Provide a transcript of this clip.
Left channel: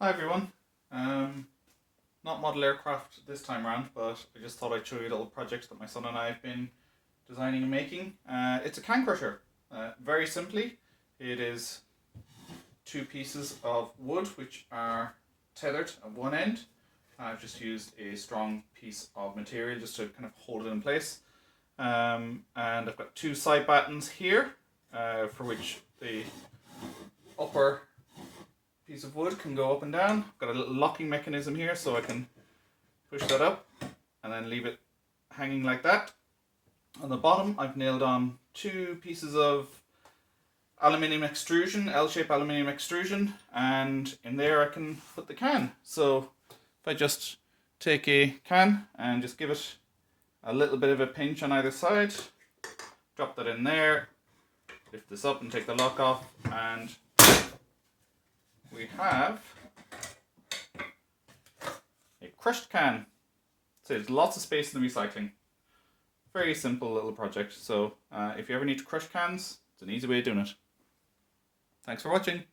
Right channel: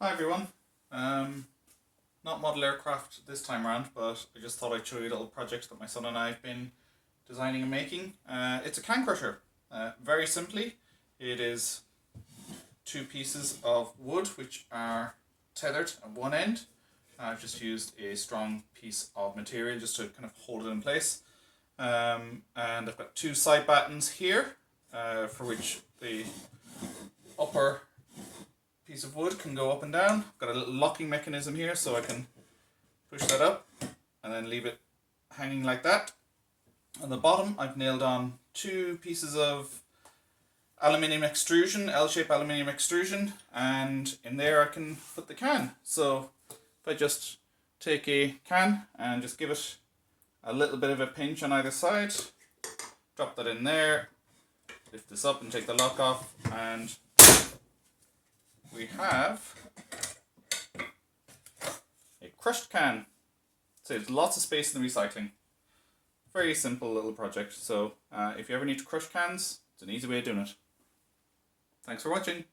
Hi everyone. Not model aircraft this time around, but I just thought I'd show you a little project that my son and I have been designing and making. It's a can crusher. Very simply, it is two pieces of wood which are tethered at one end. I've just used a strong piece of material just to kind of hold it in place. And I've got two side battens here, for which the upper piece of wood can go up and down. I've got a little locking mechanism here so I can push that up and then leave it hanging like that. On the bottom I've nailed on two pieces of aluminium extrusion, L-shaped aluminium extrusion, and in there I can put the can. So if I just take a can and just give it a little bit of a pinch on either side, drop that in there, lift this up and take the lock off, and we have a crushed can. Saves lots of space in the recycling. Very simple little project. So if you ever need to crush cans, it's an easy way of doing it. Thanks for watching.